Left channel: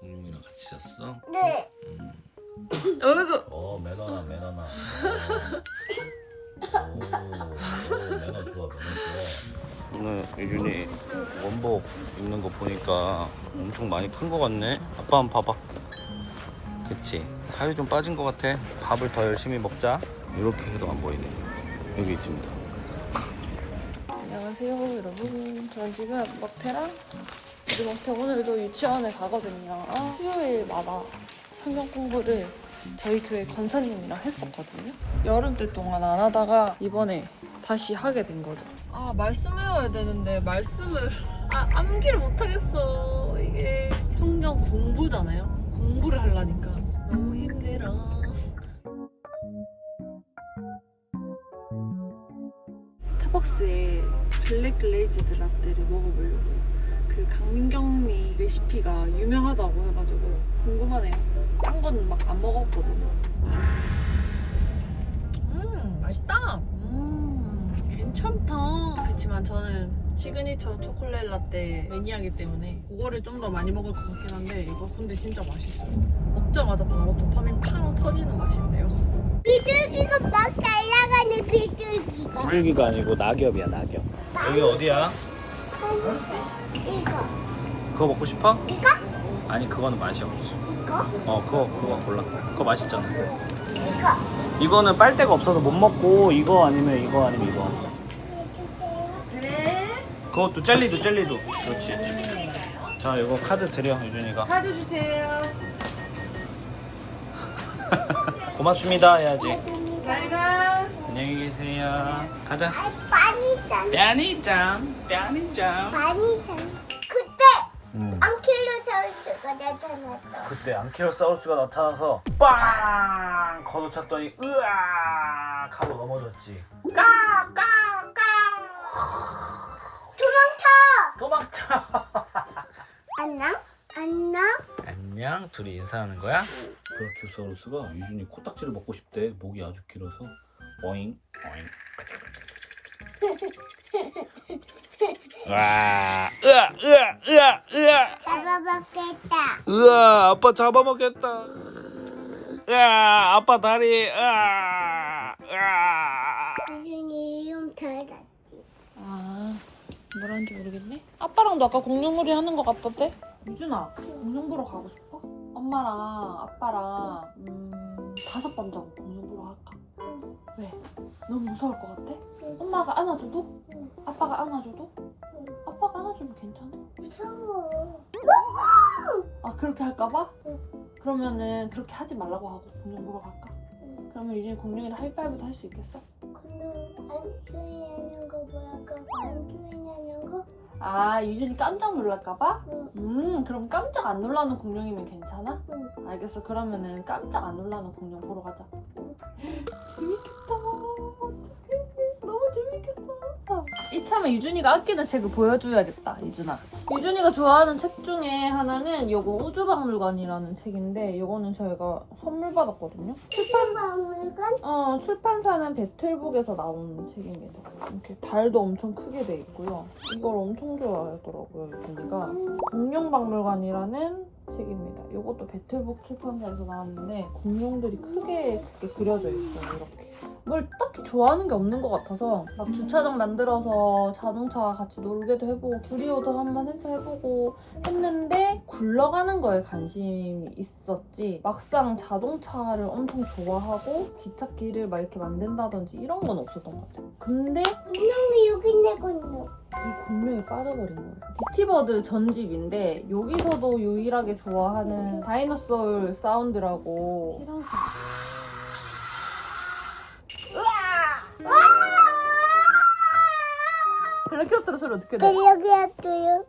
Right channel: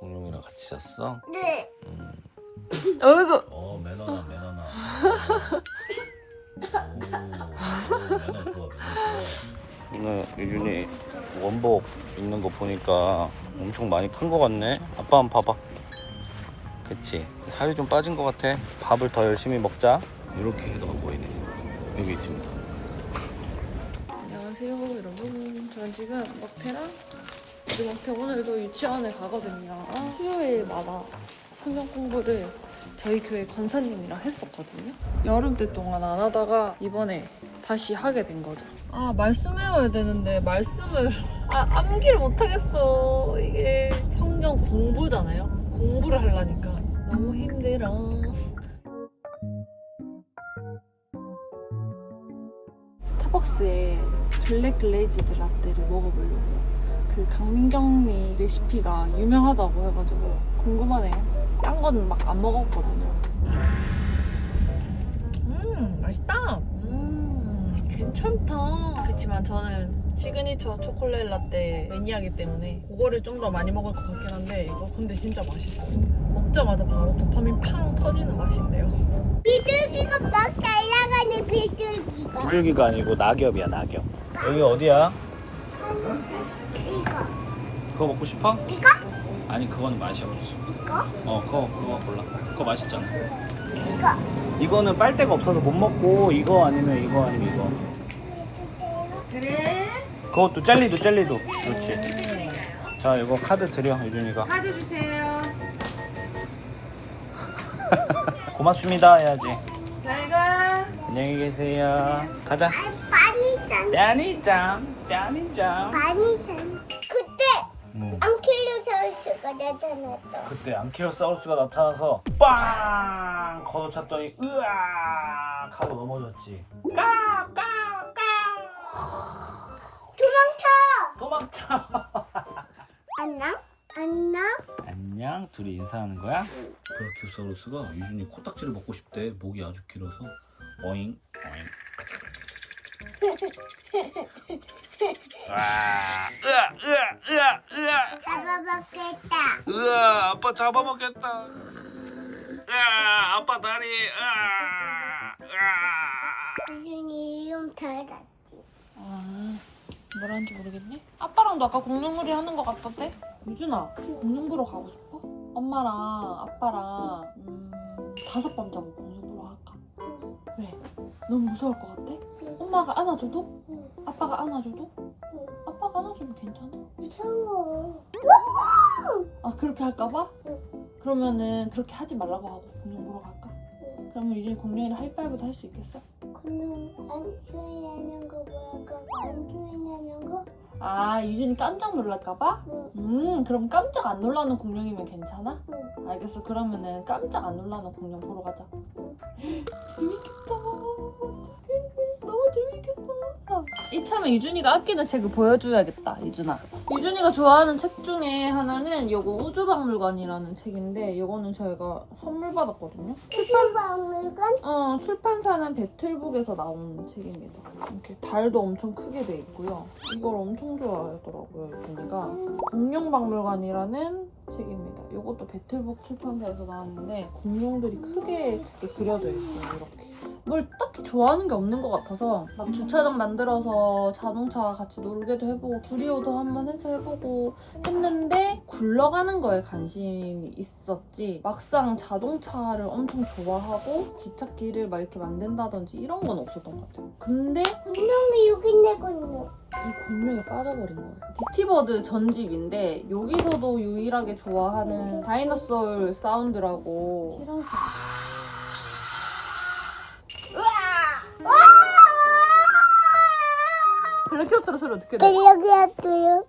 공룡이랑 같이 잤어? 네. 어이구. 어 매너나 매너나. 오, 오 매너 좋아 매너 좋아. 오늘 유준이 원복 입는 거 보니까 엄청 많이 큰 거 같네. 아빠 한번 봐봐. 그치. 살이 좀 빠진 거 같아. 밥을 더 열심히 먹자. 이렇게 해도 안 보이네. 여기 있습니다. 안녕하세요 여러분. 저는 지금 먹태랑 먹태 오늘도 유치원에 가거든요. 수요일마다 성경 공부를 저희 교회 권사님이랑 했었거든요. 여름 때 동안 안 하다가 이번에 다시 하게 된 거죠. 아 말씀 외워야 되는데 말씀을 아, 암기를 못 하겠어. 이게 성경 공부잖아요. 공부를 하려니까 너무 힘들어. 스타벅스의 블랙 글레이즈드 라떼를 먹어보려고요. 그 강민경님 레시피가 유명하다고 해가지고 궁금하네요. 딴 거는 막 안 먹었거든요. 음 맛있다. 음 괜찮다. 그렇지만 저는 시그니처 초콜릿 라떼 매니아기 때문에 그거를 좀 더 많이 먹을 것 같긴 한데 이거 근데 진짜 맛있어요. 먹자마자 바로 도파민 팡 터지는 맛인데요. 비둘기가 막 날아가는 비둘기가. 물기가 아니고 낙엽이야 낙엽. 여기 어디야? 이거. 그거 먹고 싶어? 이거? 아니 그거는 맛이 없어. 이거? 어 그거 그거 골라. 그거 맛있잖아. 이거. 이거는 빨대가 없어서 못 먹고 이거 아니면 이거 아니면 이거. 그래? 그것도 젤리도 젤리도. 그렇지. 자 이거 카드 드려 유준이가. 카드 주세요. 고맙습니다 해야지. 잘 가. 안녕히 계세요. 가자. 많이산. 뺨이짱 뺨이짱. 많이 산. 그때 음. 앙킬로사우스가 나타났다. 그때 앙키로사우루스가 나타나서 빵 걷어찼더니 으악 하고 넘어졌지. 까까까 도망쳐. 도망쳐. 안녕? 안녕? 안녕 둘이 인사하는 거야? 브라키오사우루스가 유준이 코딱지를 먹고 싶대 목이 아주 길어서 어잉 어잉 으아 으아 으아 으아 으아 잡아먹겠다. 으아 아빠 잡아먹겠다 으아 아빠 다리 으아 으아 유준이 이름 달았지. 아, 뭐라는지 모르겠니? 아빠랑도 아까 공룡놀이 하는 것 같던데? 유준아, 공룡 보러 가고 싶어? 엄마랑 아빠랑 음, 다섯 밤 자고 공룡 보러 갈까? 왜? 너무 무서울 것 같아? 엄마가 안아줘도? 응. 아빠가 안아줘도? 응. 아빠가 안아주면 괜찮아? 무서워. 아 그렇게 할까봐? 응. 그러면은 그렇게 하지 말라고 하고 공룡 보러 갈까? 응. 그러면 유준이 공룡이랑 하이파이브도 할 수 있겠어? 그럼 안 주인하는 거 뭐랄까? 안 주인하는 거? 아 유준이 깜짝 놀랄까봐? 응. 음 그럼 깜짝 안 놀라는 공룡이면 괜찮아? 응. 알겠어. 그러면은 깜짝 안 놀라는 공룡 보러 가자. 재밌겠다. 재밌겠다. 이참에 유준이가 아끼는 책을 보여줘야겠다, 유준아. 유준이가 좋아하는 책 중에 하나는 요거 우주박물관이라는 책인데 요거는 저희가 선물 받았거든요. 수박물관? 어, 출판사는 배틀북에서 나온 책입니다. 이렇게 달도 엄청 크게 돼 있고요. 이걸 엄청 좋아하더라고요, 유준이가. 공룡박물관이라는 책입니다. 이것도 배틀북 출판사에서 나왔는데 공룡들이 크게 크게 그려져 있어요. 이렇게. 뭘 딱히 좋아하는 게 없는 것 같아서 막 주차장 만들어서 자동차 같이 놀게도 해보고 구리오도 한번 해서 해보고 했는데 굴러가는 거에 관심이 있었지 막상 자동차를 엄청 좋아하고 기찻길을 막 이렇게 만든다든지 이런 건 없었던 것 같아요. 근데 분명히 여기 있는. 이 공룡에 빠져버린 거예요. 디티버드 전집인데 여기서도 유일하게 좋아하는 다이너솔 사운드라고 시랑 블랙키로트로 소리 어떻게 내? 여기 왔어요.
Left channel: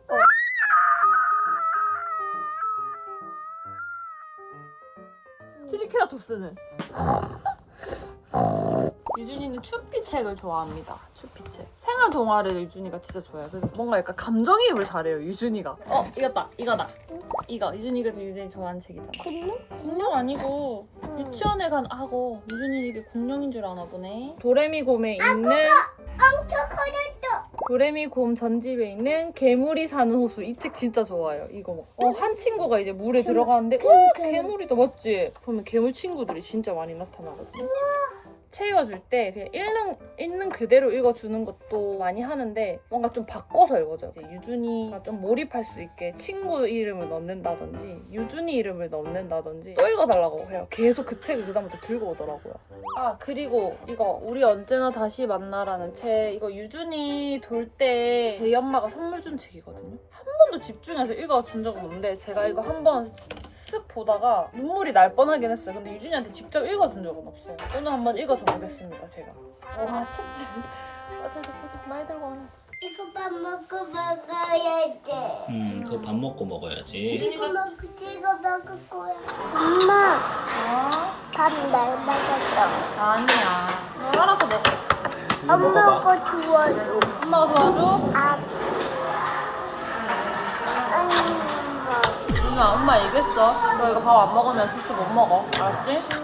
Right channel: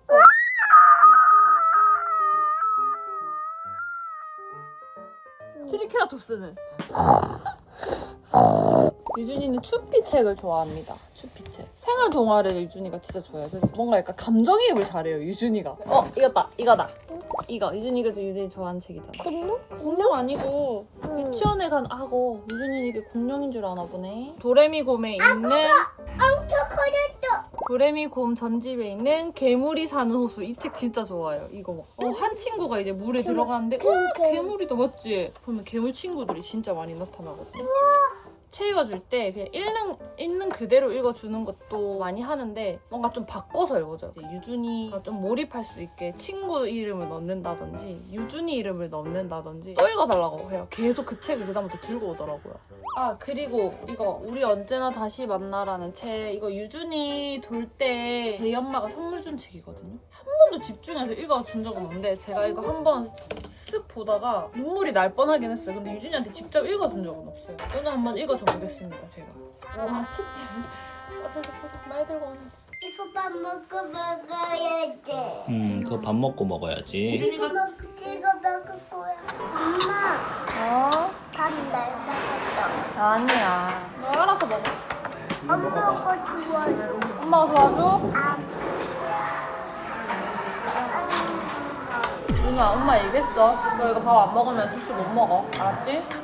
트리케라톱스는 유준이는 추피 책을 좋아합니다. 추피 책. 생활 동화를 유준이가 진짜 좋아해요. 그래서 뭔가 약간 감정이입을 잘해요. 유준이가. 어 이거다 이거다. 이거 유준이가 유준이 좋아하는 책이잖아. 공룡? 공룡 아니고 유치원에 간 악어. 유준이 이게 공룡인 줄 아나 보네. 도레미곰에 있는 엄청 커졌어. 도레미 곰 전집에 있는 괴물이 사는 호수 이 책 진짜 좋아요. 이거 어, 한 친구가 이제 물에 들어가는데 어 괴물이다 맞지? 보면 괴물 친구들이 진짜 많이 나타나거든. 책 읽어줄 때 그냥 읽는 읽는 그대로 읽어주는 것도 많이 하는데 뭔가 좀 바꿔서 읽어줘요. 유준이가 좀 몰입할 수 있게 친구 이름을 넣는다든지 유준이 이름을 넣는다든지 또 읽어달라고 해요. 계속 그 책을 그다음부터 들고 오더라고요. 아 그리고 이거 우리 언제나 다시 만나라는 책 이거 유준이 돌때 저희 엄마가 선물 준 책이거든요. 한 번도 집중해서 읽어준 적은 없는데 제가 이거 한 번 쓱 보다가 눈물이 날 뻔하긴 했어요. 근데 유준이한테 직접 읽어준 적은 없어요. 오늘 한번 읽어줘 보겠습니다. 제가. 와 책. 어째서 포즈 많이 들고 오네. 이거 밥 먹고 먹어야 돼. 음 그거 밥 먹고 먹어야지 이거 먹고 이거 먹을 거야. 엄마, 어? 밥날 먹었어. 아니야. 너 알아서 먹어. 엄마가 좋아요. 엄마가 도와줘? 아, 유준아 엄마 얘기했어. 너 이거 밥 안 먹으면 주스 못 먹어. 알았지?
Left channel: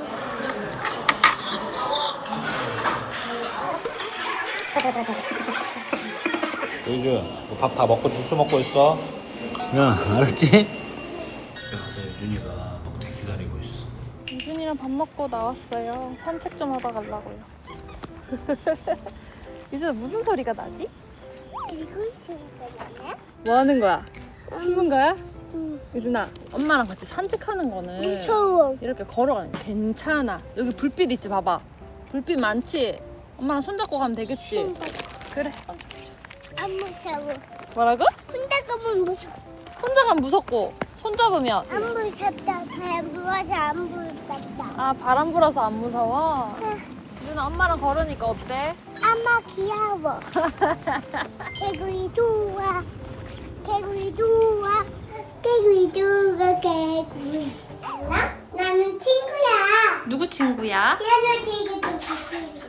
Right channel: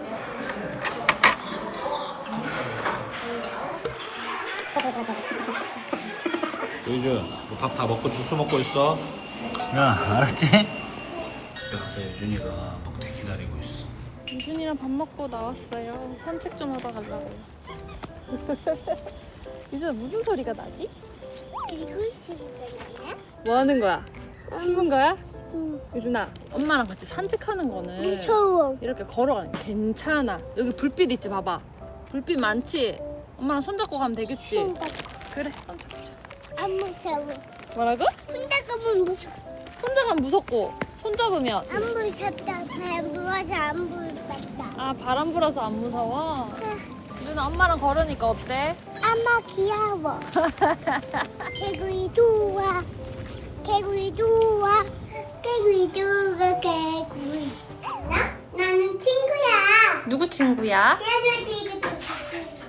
유준 밥다 먹고 주스 먹고 있어 야 알았지? 야 근데 유준이가 먹태 기다리고 있어 유준이랑 밥 먹고 나왔어요. 산책 좀 하다 가려고요. 유준아 무슨 소리가 나지? 이거. 뭐 하는 거야? 숨은 거야? 응. 유준아 엄마랑 같이 산책하는 거는 무서워. 이렇게 걸어가는 거 괜찮아. 여기 불빛 있지 봐봐. 불빛 많지? 엄마랑 손잡고 가면 되겠지? 그래 손잡자. 안 무서워. 뭐라고? 혼자 가면 무서워. 혼자 가면 무섭고 손 잡으면 안 무섭다. 잘 무서워서 안 무섭다. 아 바람 불어서 안 무서워? 유준아 엄마랑 걸으니까 어때? 엄마 귀여워. 개구리 좋아. 개구리 좋아. 개구리 좋아. 개구리. 나는 친구야. 누구 친구야? 피아노 되게 피아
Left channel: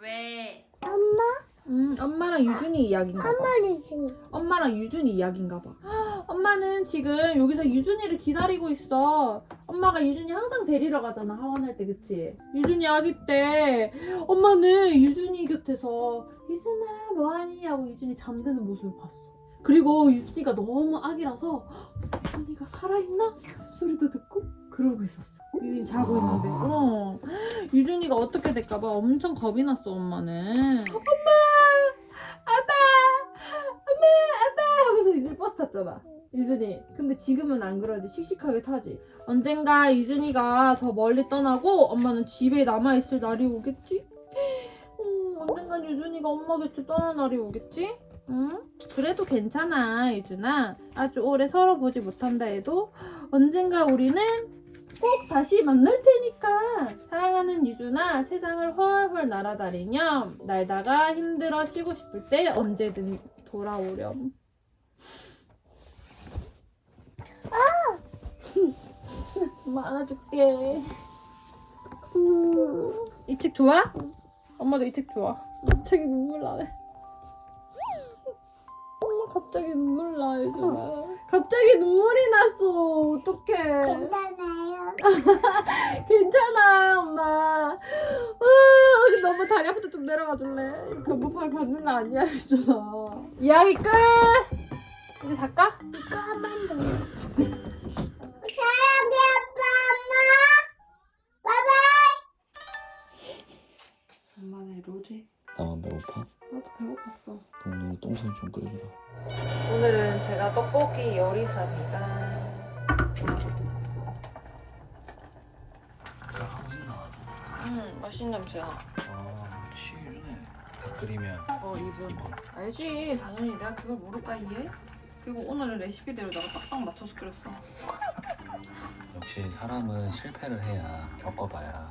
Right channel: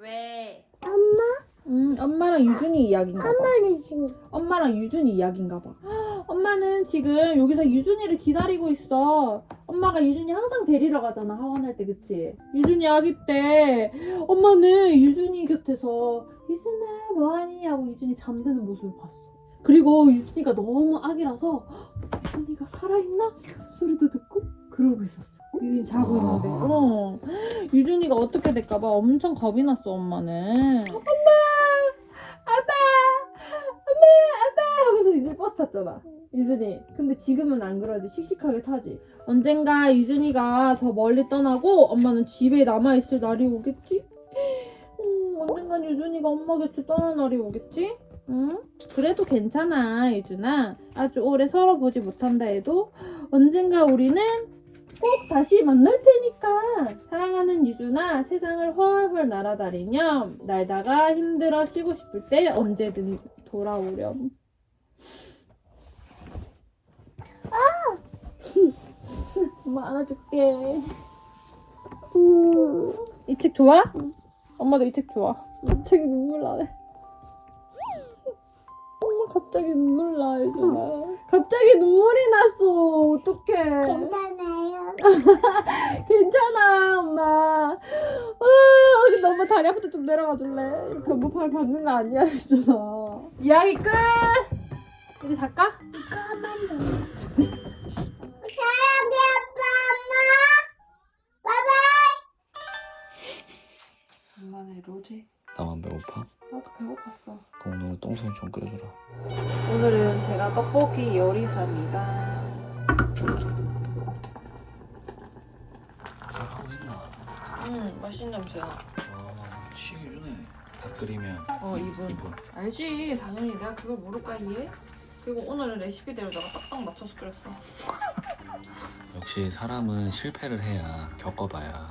왜? 엄마? 음 엄마랑 유준이 이야기인가 봐. 엄마는 친구. 엄마랑 유준이 이야기인가 봐. 헉, 엄마는 지금 여기서 유준이를 기다리고 있어. 엄마가 유준이 항상 데리러 가잖아 하원할 때 그치? 유준이 아기 때 엄마는 유준이 곁에서 유준아 뭐하니 하고 유준이 잠드는 모습을 봤어. 그리고 유준이가 너무 아기라서 헉, 유준이가 살아있나? 소리도 듣고 그러고 있었어. 유준이 자고 있는데 어. 유준이가 어떻게 될까봐 엄청 겁이 났어 엄마는. 엄마! 아빠! 엄마! 아빠! 하면서 유준이 버스 탔잖아. 유준이. 근데 지금은 안 그러지. 씩씩하게 타지. 언젠가 유준이가 더 멀리 떠나고 엄마는 집에 남아있을 날이 오겠지? 음, 언젠간 유준이가 엄마 곁에 떠날 날이 오겠지? 응? 그래도 괜찮아, 유준아. 아주 오래 서로 보지 못한다 해도 언젠가 우리는 꼭 다시 만날 테니까. 사랑하는 유준아, 세상을 훨훨 날아다니렴. 날다가 힘들어 쉬고 싶을 때 언제든 돌아오렴. 엄마 안아줄게. 음. 이책 좋아? 엄마도 이 책 좋아. 갑자기 눈물 나네. 갑자기 눈물 나, 유준아. 갑자기 눈물이 났어. 어떡해. 괜찮아요. 괜찮아, 엄마. 아, 너무 다리 아프다 좀 내려가 줄래? 이렇게 엄마 팔 받는 거 아니야, 유준아. 이야기 끝! 우리 잘까? 사랑해 아빠 엄마. 바이바이. 엄마네 로제. 나만 배고파? 나도 배고팠어. 그럼 오늘 똥손 좀 끓여주라 오늘은 제가 떡볶이 요리사입니다. 음, 맛있는 냄새 나. 아 취일네 다 끓이면 어, 이분. 이분 알지, 당연히 내가 그걸 모를까 이해? 그리고 오늘은 레시피대로 내가 딱딱 맞춰서 끓였어. 역시 사람은 실패를 해야 겪어봐야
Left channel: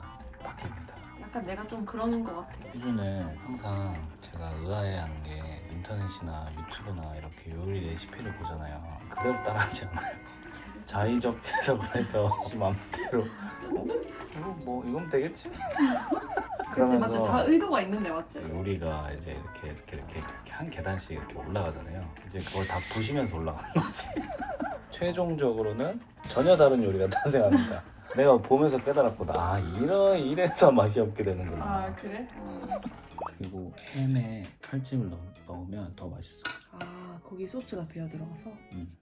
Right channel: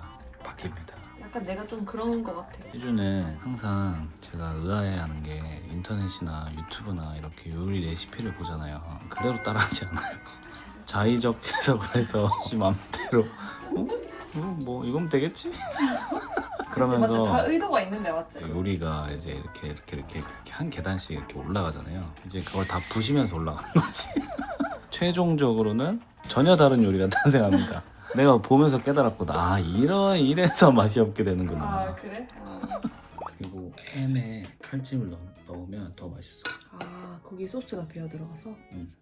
약간 내가 좀 그러는 것 같아. 희주는 항상 제가 의아해하는 게 인터넷이나 유튜브나 이렇게 요리 레시피를 보잖아요. 그대로 따라하지 않아요. 자의적 해석을 해서 지 맘대로 어? 이건 뭐 이건 되겠지? 그치, 맞지? 다 의도가 있는데, 맞지? 요리가 이제 이렇게 이렇게 이렇게, 이렇게 한 계단씩 이렇게 올라가잖아요. 이제 그걸 다 부시면서 올라가는 거지. 최종적으로는 전혀 다른 요리가 탄생합니다. 내가 보면서 깨달았거든. 아 이런 이래서 맛이 없게 되는구나. 아 그래? 그리고 햄에 칼집을 넣, 넣으면 더 맛있어. 아 거기 소스가 배어 들어가서. 음.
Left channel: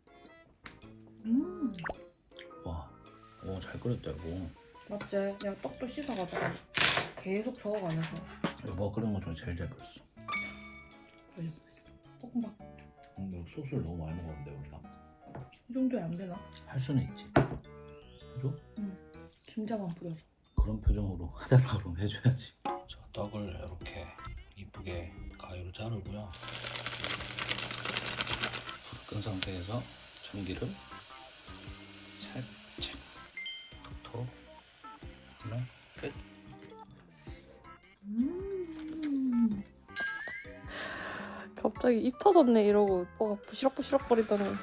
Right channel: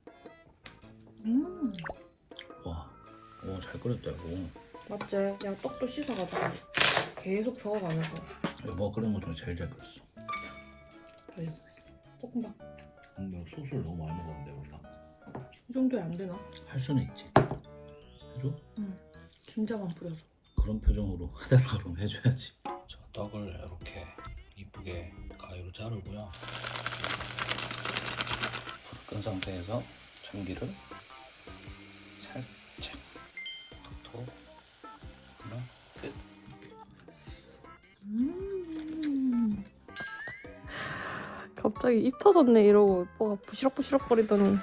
음 와, 오잘 끓였다 이거. 맞지? 야 떡도 씻어가지고 계속 저어가면서 여보 끓인 거 중에 제일 잘 끓였어. 볶음밥 근데 소스를 너무 많이 먹었는데 우리가 이 정도에 안 되나? 할 수는 있지. 그죠? 김자만 뿌려서. 그런 표정으로 하달라 그러면 해줘야지. 자, 떡을 이렇게 이쁘게 가위로 자르고요. 끈 상태에서 참기를 살짝 톡톡 하면 끝. 음. 갑자기 입 터졌네 이러고 오빠가 부시럭부시럭 거리더니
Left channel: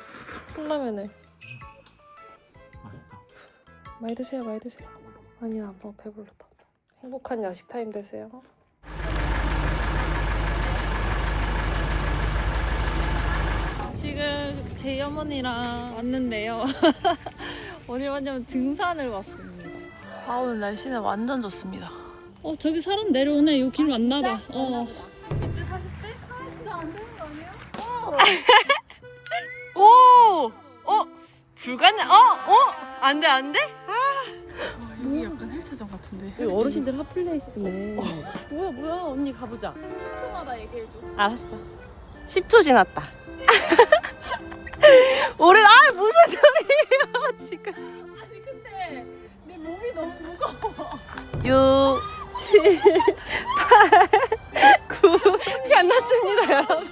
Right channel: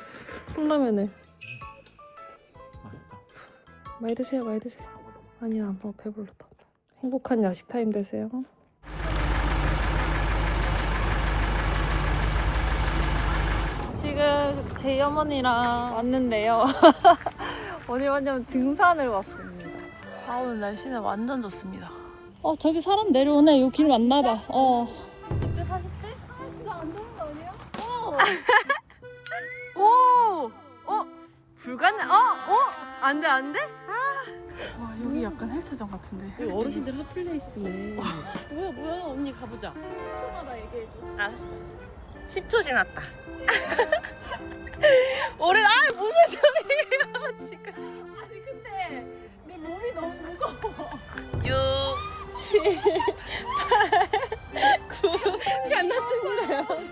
컵라면을 맛있다. 많이 드세요 많이 드세요 아니야 아빠 배불렀다 행복한 야식 타임 되세요 지금 제 어머니랑 왔는데요 오늘 완전 등산을 왔습니다 아 오늘 날씨는 완전 좋습니다 어 저기 사람 내려오네 요 길 맞나 봐 어 오! 어? 불가능? 어? 어? 안 돼, 안 돼? 아. 여기 헬스장 같은데. 어르신들 핫플레이스네 뭐야, 뭐야. 언니 가보자. 10초마다 얘기해줘 알았어. 10초 지났다. 우리, 아, 무슨 소리예요, 지금. 아니 근데 내 몸이 너무 무거워 6, 7, 8, 9. 피안 났습니다, 여러분.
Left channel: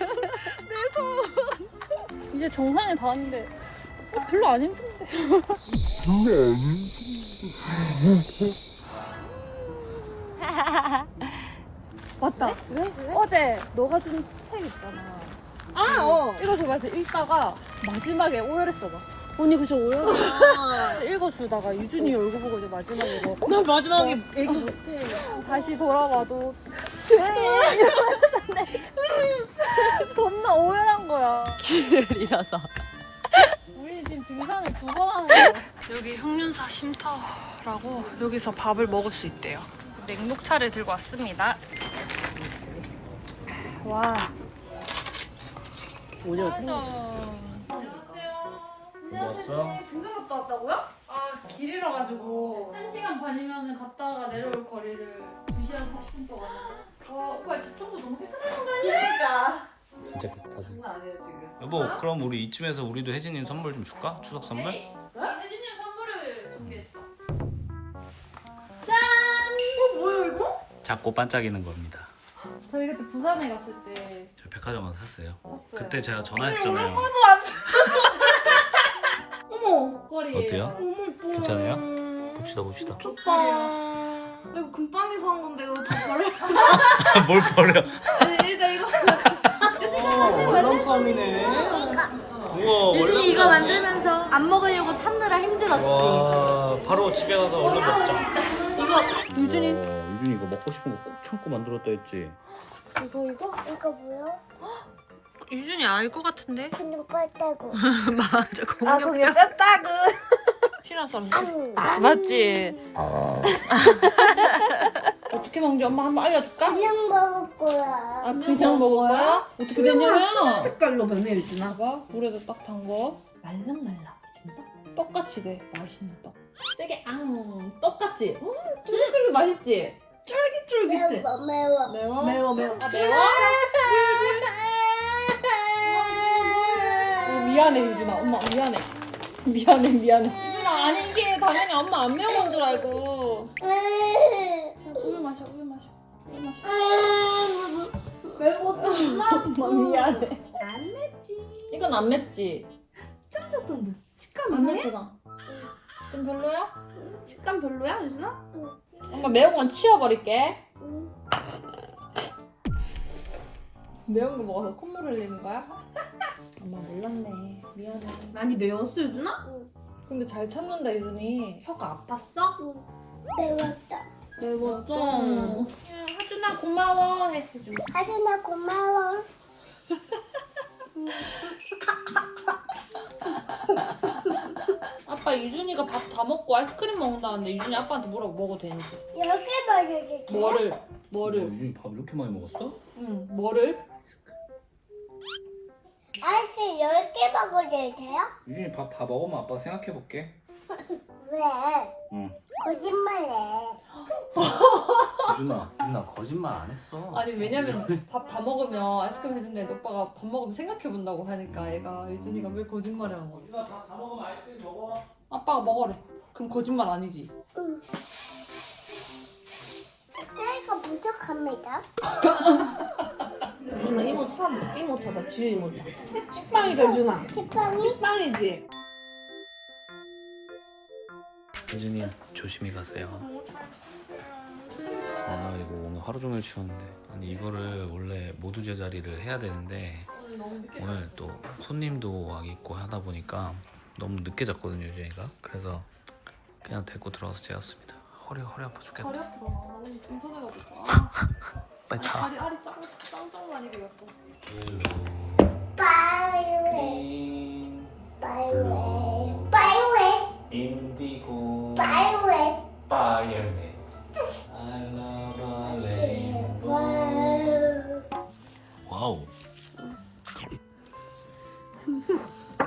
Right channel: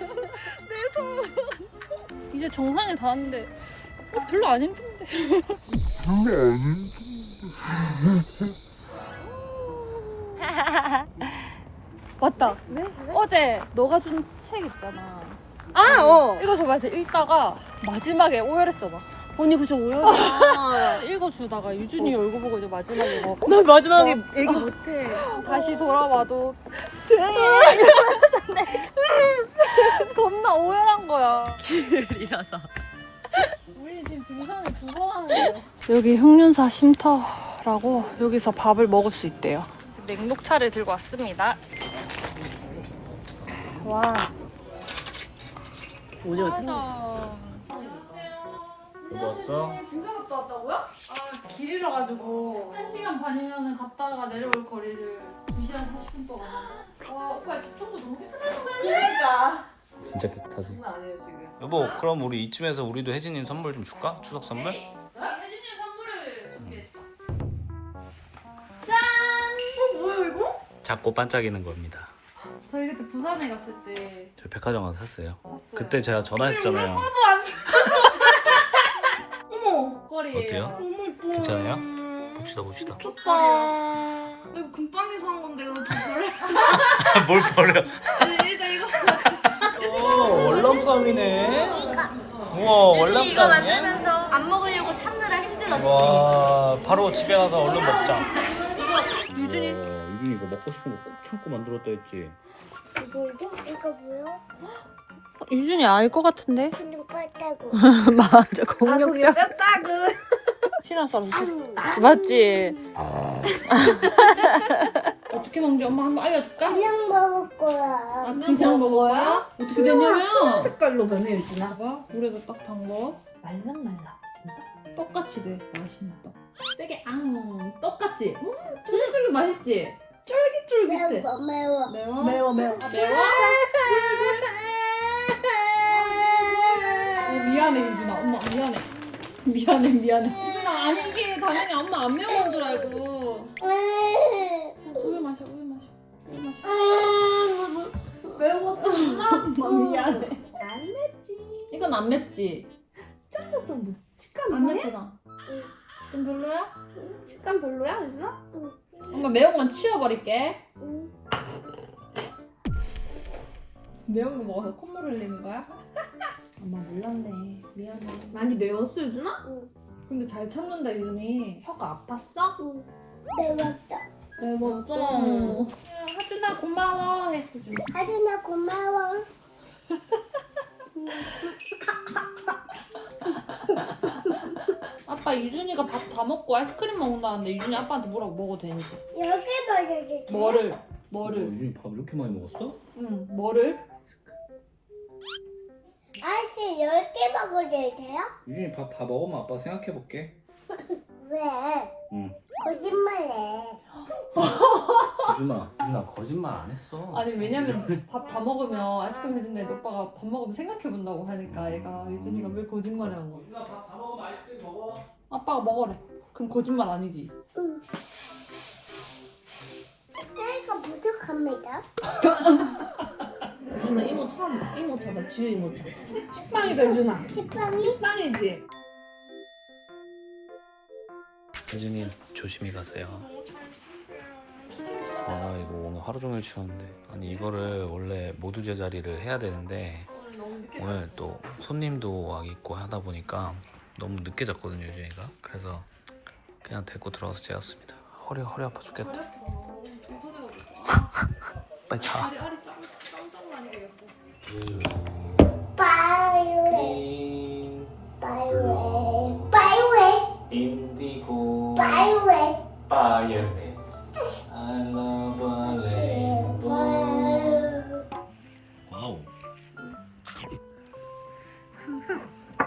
이제 정상에 다 왔는데 어, 별로 안 힘든데 맞다. 어제 너가 준 책 있잖아. 아, 어. 읽어줘봐야지 읽다가 마지막에 오열했잖아 언니 그저 오야. 읽어주다가 유준이 얼굴 보고 이제 마지막에 뭐나 마지막에 얘기 못해. 다시 돌아와도 돼 이러면서 겁나 오열한 거야. 이라서. 지금 등산을 두 번 하는 거야 여기 흑륜사 쉼터라고 여기서 밥을 먹을 수 있대요. 냉녹차를 들고 왔습니다. 와. 맞아 여보 왔어? 길이라 가지고. 1시간 반이면 갔다가 내려올 거리를 2시간 40분 동안. 와 오빠 집 청소 너무 깨끗하네 진짜 깨끗하지. 여보, 그럼 우리 이쯤에서 우리도 혜진님 선물 좀 줄까? 추석 선물? 혜진님 선물을 준비했죠 작고 반짝이는 겁니다. 저희 그때 부산에 갔을 때 저 백화점 가서 샀어요. 샀어요 그때 제가 전화했잖아요. 목걸이에요 어때요? 괜찮아요? 봅시다 봅시다. 좋다. 이거 금방에서 한 건데 이거 다 버려. 뭘 버려? 일단 이거 오, 월남쌈이네. 우와, 월남쌈이야? 만들면서 안 먹으려고 참느라 힘들었지. 와, 바로 집에 가서 얼른 먹자. 유준이 유준이 이거 먹고 싶은 거 꼭 참고 만들었다 했지. 이거 이거 이거 뭐야? 유준이 알 것 같은데? 그냥 뺐다고. 맞아, 공룡이야. 뺐다고. 피난 썰었어 응. 맞지? 어떻게 먹는지 엄마 한번 알려줄까? 그냥 먹을 거야. 아, 그냥 먹어요? 어떻게 되냐면 색깔로 변해 유준아. 봐봐 물에도 딱 담궈 말랑말랑 진짜 떡같이 돼 맛있는 떡 세게 앙 떡같지? 음 쫄깃쫄깃 맛있지? 쫄깃쫄깃해 매워 매워. 매워? 매워 매워. 아 매워? 어, 미안해 유준아 엄마 미안해 미안해 미안해 유준아 아닌 게 당연히 엄마 안 매운 줄 알고 매웠어. 미안해 안 맵지. 이건 안 맵지? 짠 정도. 식감 안 이상해? 맵잖아 좀 별로야? 식감 별로야 유준아? 엄마 매운 건 치워버릴게 응. 매운 거 먹어서 콧물 흘리는 거야? 엄마 몰랐네 미안해 많이 매웠어 유준아? 근데 잘 참는다 유준이 혀가 아팠어? 응. 매웠다. 매웠죠? 하준아 고마워 해 해준아 하준아 고마워. 아빠 유준이가 밥 다 먹고 아이스크림 먹는다는데 유준이 아빠한테 뭐라고 먹어도 되는지. 여기 봐야지. 뭐를? 뭐를? 유준이 밥 이렇게 많이 먹었어? 응, 뭐를? 아이스 10개 먹어도 돼요? 유준이 밥 다 먹으면 아빠 생각해 볼게. 왜? 응. 거짓말해. 유준아, 유준아 거짓말 안 했어. 아니 왜냐면 밥 다 먹으면 아이스크림 되는데 오빠가 밥 먹으면 생각해 본다고 하니까 얘가 유준이가 왜 거짓말을 한 거야? 유준아 밥다 먹으면 아이스크림 먹어. 아빠가 먹으래. 그럼 거짓말 아니지? 응. 나이가 부족합니다. 유준아 이모 차 이모 차다 주유 이모 차 식빵이다 유준아 식빵이 식빵이지 유준이 조심히 가세요. 아 이거 오늘 하루 종일 치웠는데 아니 이거를 원래 모두 제자리를 해야 되는데 오늘 또 손님도 와 있고 하다 보니까 너무 늦게 잤거든요 유준이가 그래서 그냥 데리고 들어와서 재웠습니다. 허리 허리 아파 죽겠다. 빨리 자. 짱, 짱짱 많이 배겼어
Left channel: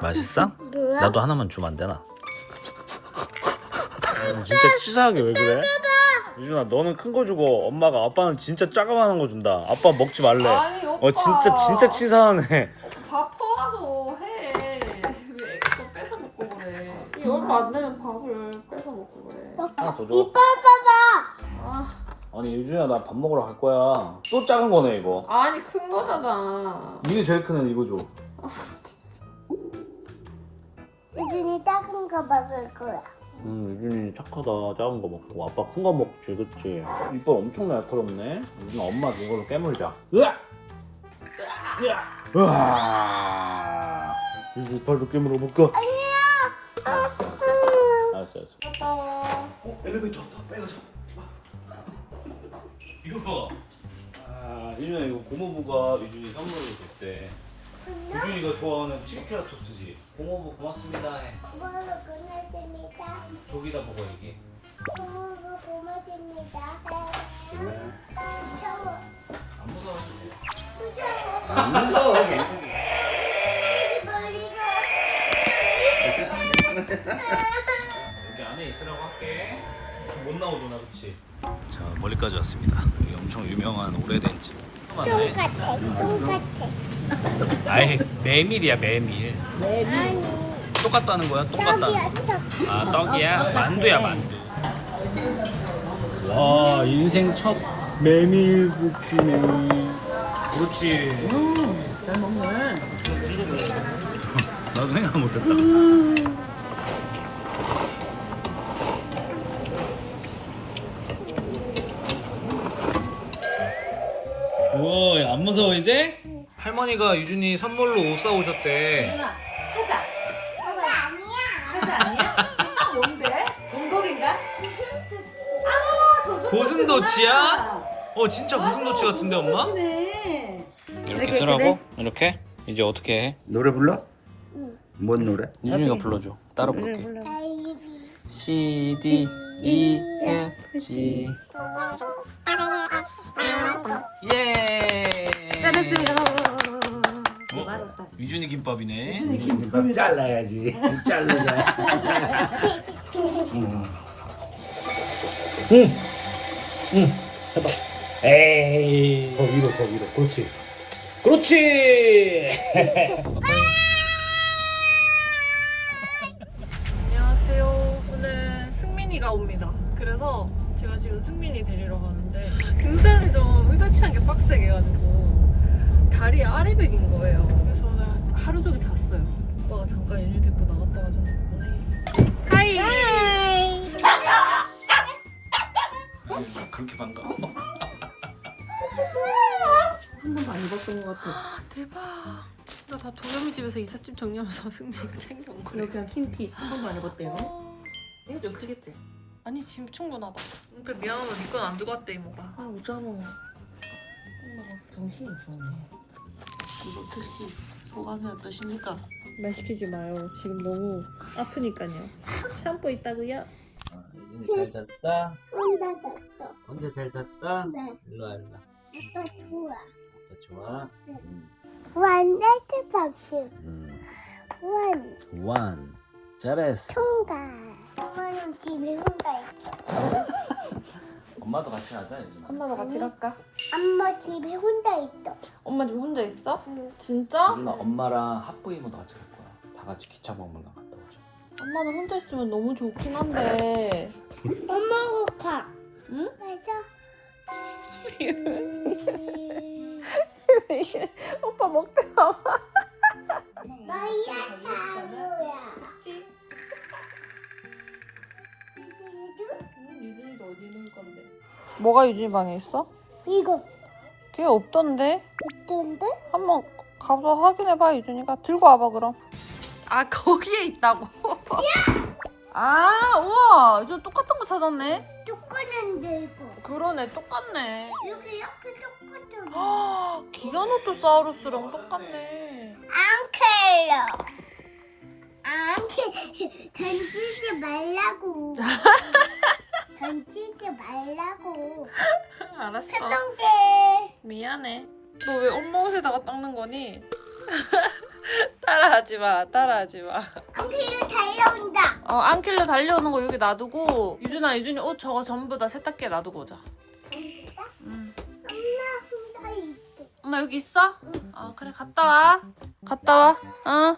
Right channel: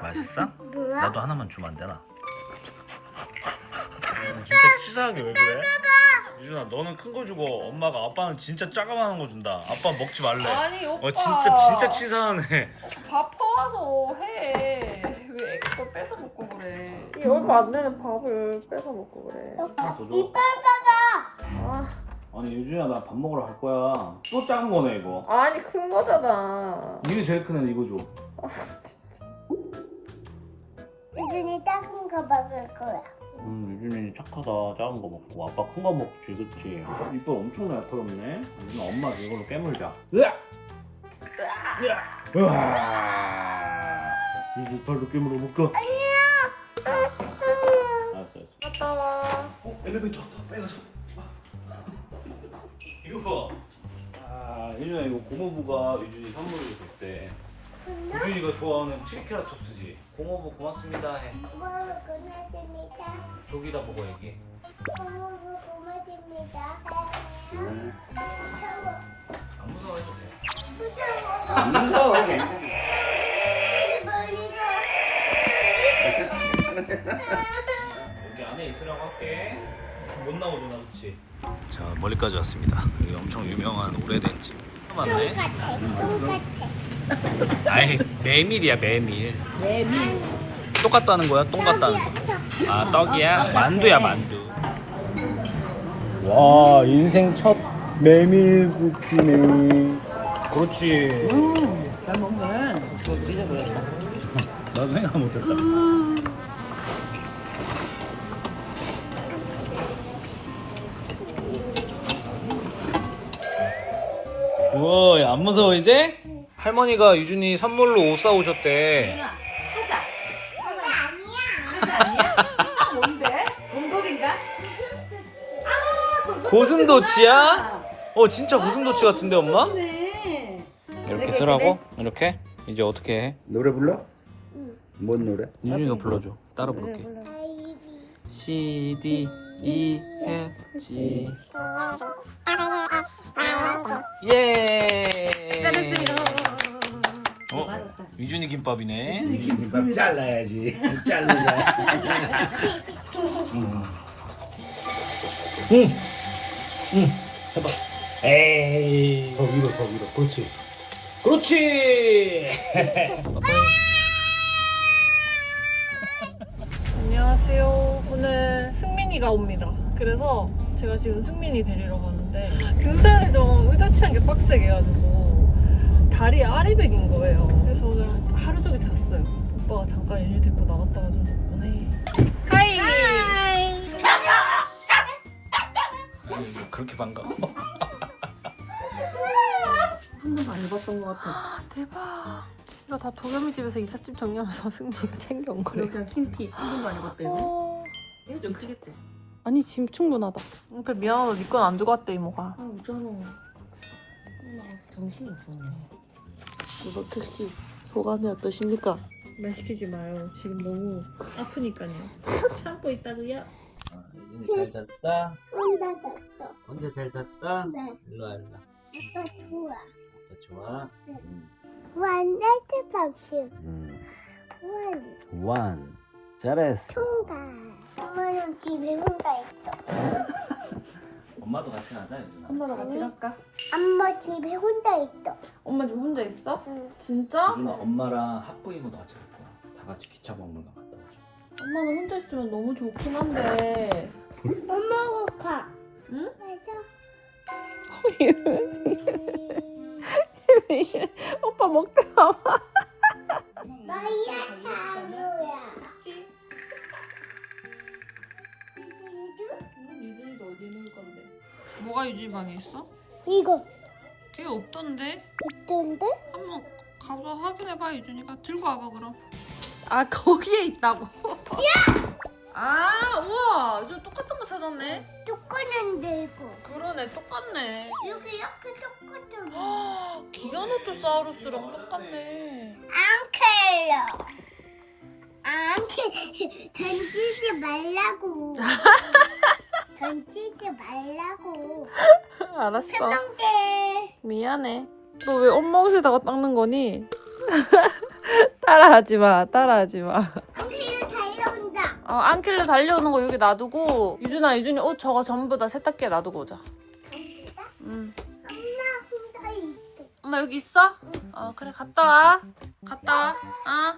맛있어? 나도 하나만 주면 안 되나? 진짜 치사하게 왜 그래? 유준아 너는 큰 거 주고 엄마가 아빠는 진짜 작아만한 거 준다. 아빠 먹지 말래. 아니 오빠. 어 진짜 진짜 치사하네. 밥 퍼와서 해. 왜 애거 뺏어 먹고 그래? 이 얼마 안 되는 밥을 뺏어 먹고 그래 하나 더 줘. 이빨 봐봐. 아, 아니 유준아 나 밥 먹으러 갈 거야. 또 작은 거네 이거. 아니 큰 거잖아 이게 제일 크네 이거 줘. 유준이 작은 거 먹을 거야. 음, 유준이 착하다. 작은 거 먹고. 아빠 큰 거 먹지, 그치? 이빨 엄청 날카롭네. 유준아, 엄마 이걸로 깨물자. 으악! 으악! 으아! 유준 이빨도 깨물어 볼까? 알았어, 알았어. 갔다 와 어, 엘리베이터 왔다. 빨리 가자. 이거 봐. 아, 유준아, 이거 고모부가 유준이 선물로 줬대. 유준이가 좋아하는 트리케라톱스지. 고모부 고맙습니다 해. 고마워 고맙습니다. 저기다 보고 얘기해. 고마워 고맙습니다. 무서워 안 무서워해도 돼. 무서워. 안 무서워. 여기 안에 있으라고 할게. 못 나오잖아, 그렇지? 자, 멀리까지 왔습니다. 여기 엄청 유명한 오래된 집. 똥 같아 똥 같아. 아이, 메밀이야, 메밀. 아니 똑같다는 거야? 똥 같다는 거. 떡이야 떡. 아, 떡이야? 만두야, 만두. 와, 인생 첫 메밀국이네. 그렇지. 잘 먹네 나도 생각 못했다. 우와, 야, 안 무서워 이제? 할머니가 유준이 선물로 옷 사오셨대. 사자. 사자 아니야. 사자 아니야? 뭔데? 곰돌인가? 아, 고슴도치. 고슴도치야? 어, 진짜 고슴도치 같은데 엄마? 네. 이렇게 쓰라고? 이렇게? 이제 어떻게 해? 노래 불러? 응. 뭔 노래? 유준이가 불러줘. 따라 부를게. C D E F G 예. 어? 유준이 김밥이네. 김밥 잘라야지. 자르자. 응. 응. 응. 해봐. 에이. 더 위로, 더 위로. 그렇지. 그렇지. 안녕하세요 오늘 승민이가 옵니다 그래서 제가 지금 승민이 데리러 가는데 등산을 좀 의도치 않게 빡세게 해가지고 다리에 아리백인 거예요 그래서 오늘 하루 종일 잤어요 오빠가 잠깐 일일 데리고 나갔다 와준 덕분에 하이 그렇게 반가워. 한 번도 안 입었던 것 같아. 대박. 나 다 도겸이 집에서 이삿짐 정리하면서 승민이가 챙겨온 거래. 그냥 흰티 한 번도 안 입었대요. 얘 좀 크겠지? 아니 지금 충분하다. 그러니까 미안하다. 니건 안 들고 왔대 이모가. 아 웃잖아. 나 정신이 없었네. 이번 특씨 소감이 어떠십니까? 말 시키지 마요. 지금 너무 아프니까요. 참고 있다고요? 유준이 잘 잤어? 혼자 잤어. 언제 잘 잤어? 네. 일로 와 일로 와 아빠 좋아. 아빠 좋아? 음. 완전 방식. 음. 원. 원 잘했어 통과. 엄마는 집에 혼자 있어. 엄마도 같이 가자 유준아 엄마도 같이 갈까? 엄마 집에 혼자 있어. 엄마 지금 혼자 있어? 응. 진짜? 유준아 엄마랑 학부이모도 같이 갈 거야 다 같이 기차 박물관 갔다 오자 엄마는 혼자 있으면 너무 좋긴 한데 엄마가 가. 응? 맞아. 오빠 먹게 나와. 너야 사루야. 이거 어디 놀 건데? 뭐가 유준이 방에 있어? 이거 걔 없던데? 있던데? 한번 가서 확인해봐 유준이가 들고 와봐 그럼 아 거기에 있다고? 아 우와 저 똑같은 거 찾았네 똑같은데 이거. 그러네 똑같네 여기 이렇게 똑같은. 아 기가노토사우루스랑 똑같네 앙클로. 앙클 던지지 말라고. 던지지 말라고. 알았어 세동대. 미안해 너 왜 엄마 옷에다가 닦는 거니? 따라하지 마 따라하지 마 앙클로 달려온다. 어, 안길로 달려오는 거 여기 놔두고 유준아 유준이 옷 저거 전부 다 세탁기에 놔두고 오자 응 엄마 혼자 있어. 엄마 여기 있어? 어 그래 갔다 와 갔다 와 어.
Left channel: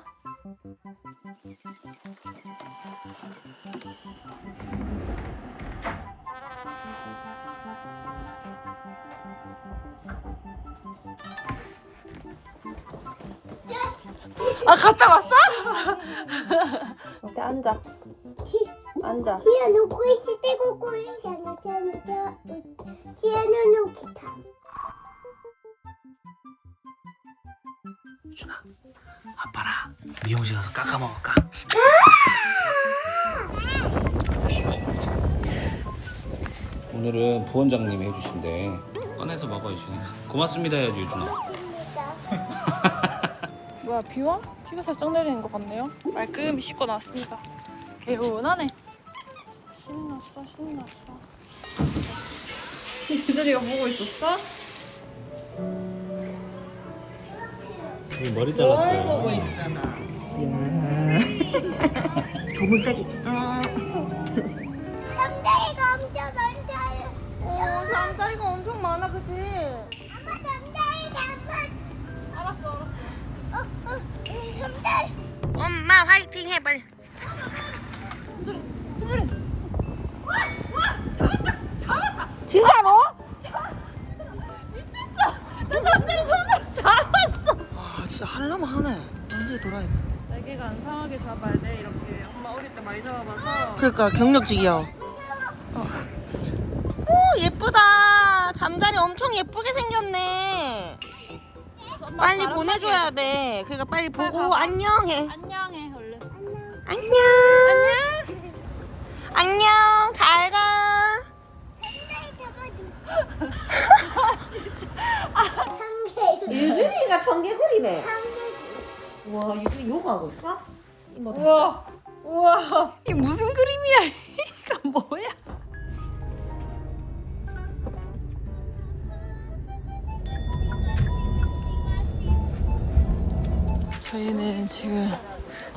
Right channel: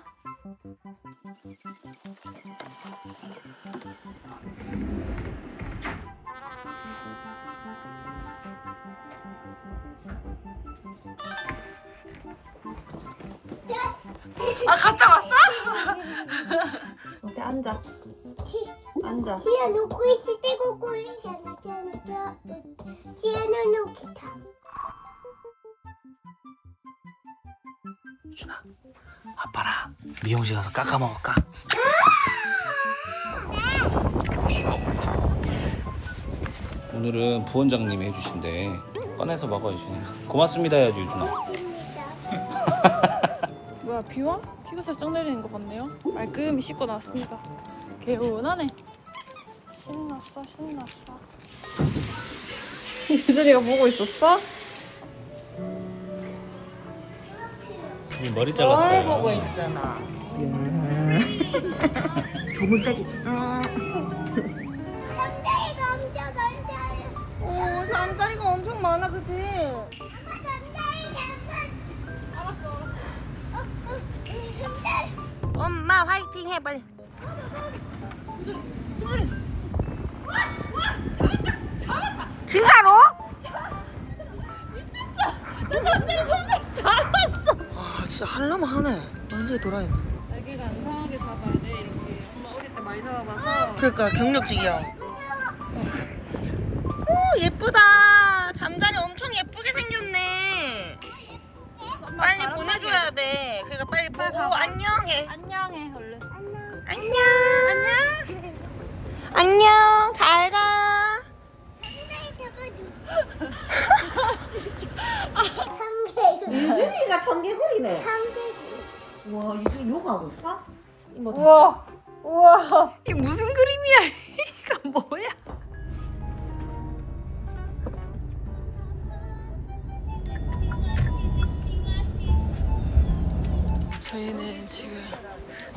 아 갔다 왔어? 어때 앉아 앉아 티아 놓고 있을 때고 꼬리. 티아노 티아노 티아노 티아노 기타. 유준아 아빠랑 미용실 가서 깎아 먹을까? 오늘은 부원장님이 해주신대 꺼내서 먹어 유준이가 고맙습니다 해야지 유준아 뭐야 비와? 비가 살짝 내리는 것 같네요 말끔히 씻고 나왔습니다 개운하네 신났어 신났어 유준이가 보고 있었어? 머리 잘랐어요 보고 있어 나. 조물까지. 남자애가 엄청 많아요. 남자이가 엄청 많아, 그치? 아빠 남자 엄마 화이팅 해 빨리. 진짜로? 나 잠자리 손으로 잡았어. 와 진짜 할라면 하네. 완전히 돌아야 돼. 날개가 안 상하게 잡아야 돼 이렇게 엄마 어릴 때 많이 잡아봐서 그러니까 경력직이요. 오 예쁘다. 잠자리 엄청 예쁘게 생겼네. 빨리 보내줘야 돼. 그러니까 빨리 보고 안녕해. 안녕해 얼른 안녕. 안녕. 안녕. 잘 가. 유준이가 청개구리네. 와 유준이 요가하고 있어? 이모 우와 우와 이게 무슨 그림이야 이거 뭐야 저희는 지금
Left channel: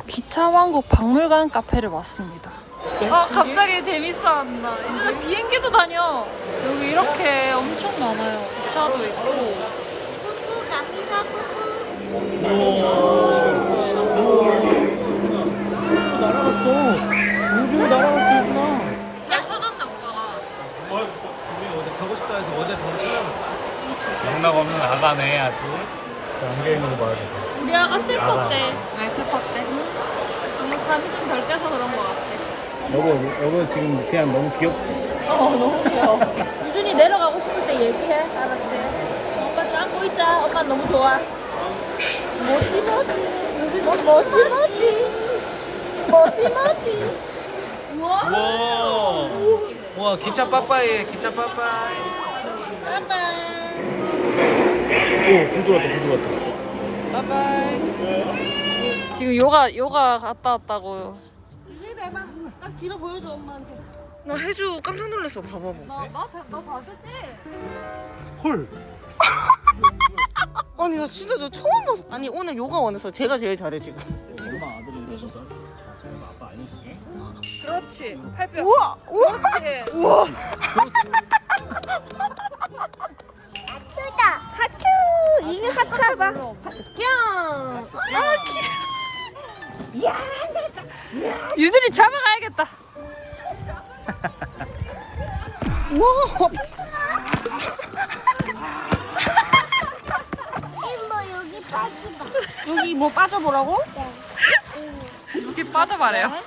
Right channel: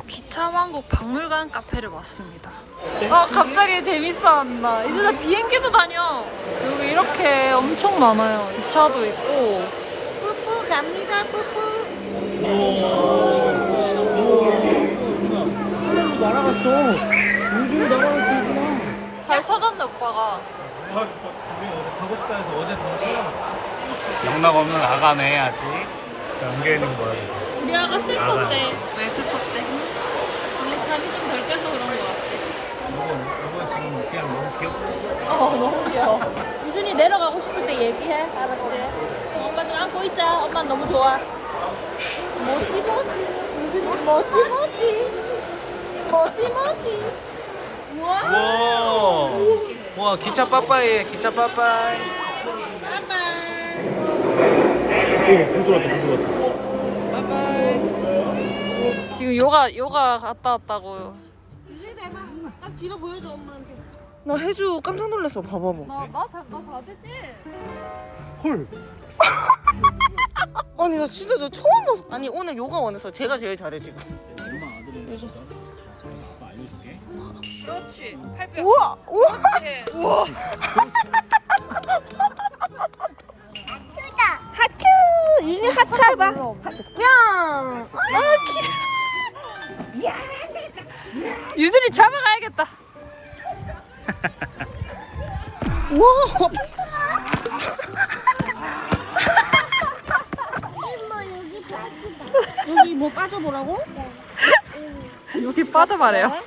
기차왕국 박물관 카페를 왔습니다. 아 갑자기 재밌어한다. 이제 비행기도 다녀. 여기 이렇게 엄청 많아요. 기차도 있고. 우주 날아갈 수 있구나 잘 찾았네 오빠가. 가고 싶다 해서 어제 바로 찾아왔어 영락 없는 아가네 아직. 안개 있는 거 봐야 돼 우리 아가 슬펐대 왜 슬펐대? 오늘 잠이 좀 덜 깨서 그런 것 같아. 여보 여보 지금 그냥 너무 귀엽지? 어 너무 귀여워. 유준이 내려가고 싶을 때 얘기해. 알았지? 엄마 좀 안고 있자. 엄마 너무 좋아. 뭐지 뭐지? 유준이 뭐지 뭐지? 뭐지 뭐지? 우와. 우와 기차 빠빠이 기차 빠빠이. 오불 들어왔다 불 들어왔다. 빠빠이 지금 요가 요가 갔다 왔다고. 딱 뒤로 보여줘 엄마한테. 나 해주 깜짝 놀랐어. 봐봐 뭐. 나나 받을지. 헐. 아니 나 진짜 저 처음 봤어. 아니 오늘 요가원에서 제가 제일 잘해 지금. 엄마 자, 잠깐만 아빠 알려줄게. 그렇지. 팔뼈. 우와 우와. 하트 윤이 하트하다. 냥. 유준이 잡아가야겠다. 우와. 이모 여기 빠지마. 여기 뭐 빠져보라고? 여기 빠져봐래요.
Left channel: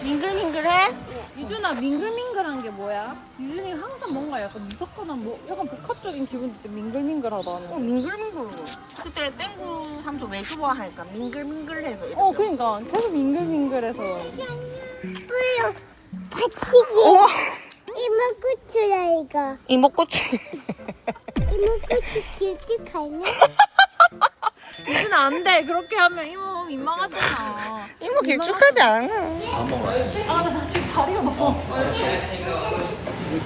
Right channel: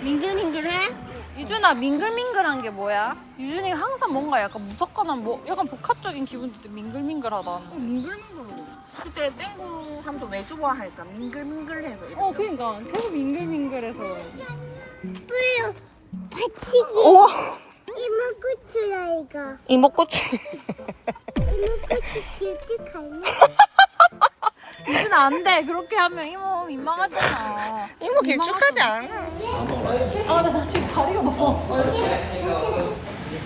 밍글밍글해? 유준아 밍글밍글한 게 뭐야? 유준이가 항상 뭔가 약간 무섭거나 뭐 약간 복합적인 기분 들때 밍글밍글하다는. 밍글밍글해. 그때 땡구 삼촌 왜 좋아하니까 밍글밍글해서. 이렇게. 어 그러니까 계속 밍글밍글해서. 뿌려. 다치기. 우와. 이모 끝이야 이거. 이목고추. 이모 끝이 길지 갈면. 유준아 안돼 그렇게 하면 이모 민망하잖아. 이모 길쭉하지 않아. 밥 먹으러 왔어. 아 나 지금 다리가 너무.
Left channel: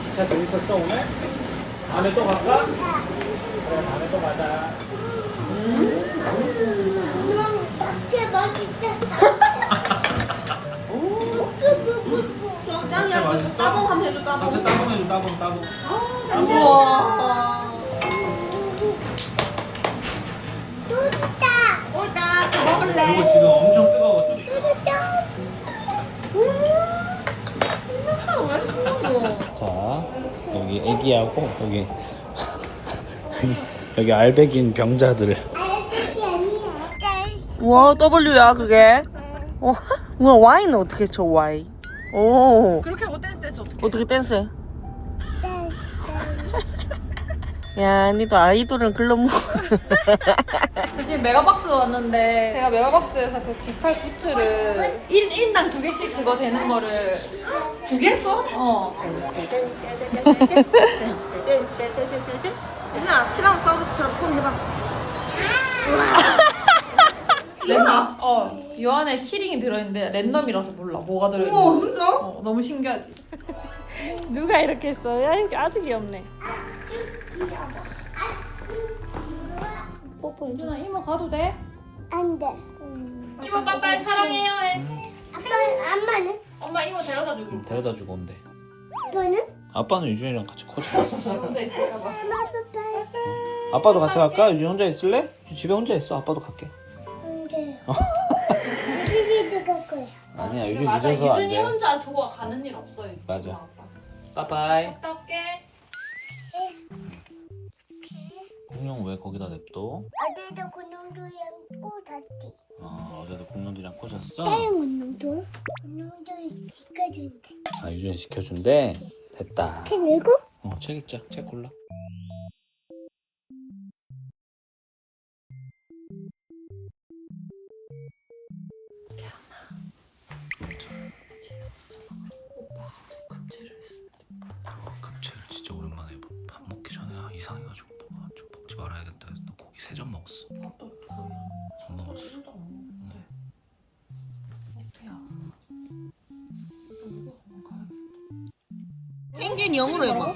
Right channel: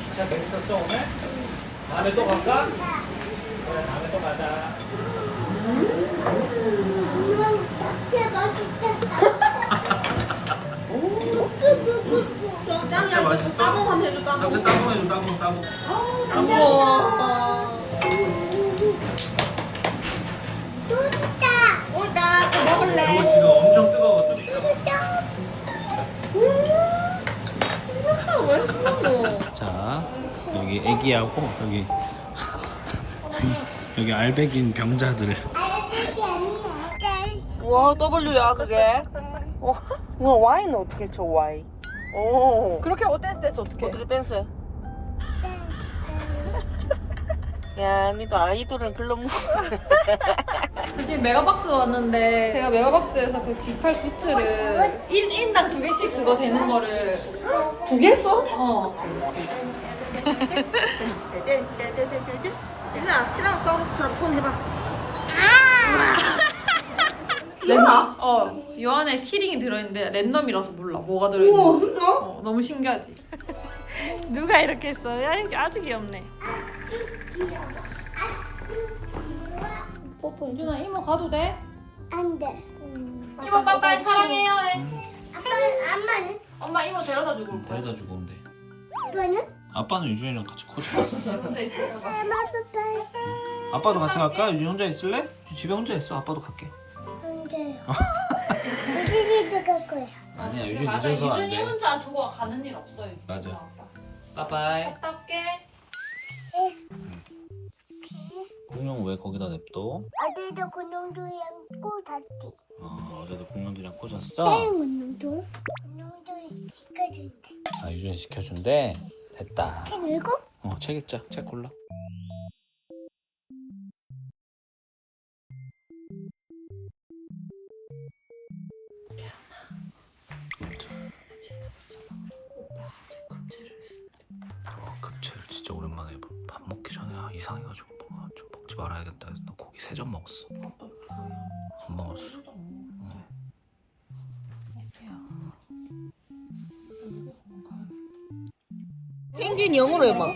진짜 재밌었어 오늘? 다음에 또 갈까? 음, 여기 애기하고 여기 여기 알배긴 병자들 알겠지 아니야. 짤. 와 W야 그게. 와, 뭐야 Y는 어떻게 쳐 Y? 오. 그렇게 어땠을 때 어떻게? 어떻게 댄스해? 짤. 야, 니도 아이돌은 글러 먹. 지금 메가박스 왔는데 제가 메가박스에서 그 귀칼 굿즈를 1, 인당 두 개씩 그거 되는 거를 두 개 써? 어. 유나 티라노 사우루스처럼 손 해봐. 랜덤. 어, 요 안에 키링이 들어있는데 랜덤이라서 몰라 뭐가 들어있는지. 오, 진짜? 어, 너무 신기하지. 누가 이렇게 했어? 야, 아주 귀엽네. 뽀뽀 유준아 이모 가도 돼? 안 돼. 이모 빠빠이 사랑해요 해. 아빠 엄마는? 엄마 이모 데려다 주고. 데려다 주고 온대 아빠는? 아빠는 유준이랑 같이 커지고 혼자 있을까 봐. 엄마 빠빠. 아빠도 같이 갈까? 유준이 혼자 있을래? 집에 혼자 있어 아빠도 갈게 안 돼요. 우진이도 갈 거야. 아니야 유준이 맞아 늦어서 유준이 안돼 혼자 두고 가는 일 없어요. 맞아. 빠빠이 갔다 올게. 공룡 왜 거기다 냅둬? 어제도 군용도랑 꼬았지. 어, 어제도 공룡들이랑 꽂았어? 다른 군용도? 군용도 시켜준대. 아 유준이 시켜준대? 됐다 책 읽고? 어책 읽자 책 골라 어, 급체를 진짜 오랜만에. 밥 먹기 전에 아, 이상해가지고 뭔가 좀 먹지 말아야겠다 해서 나 고기 세 점 먹었어 영어로 해봐.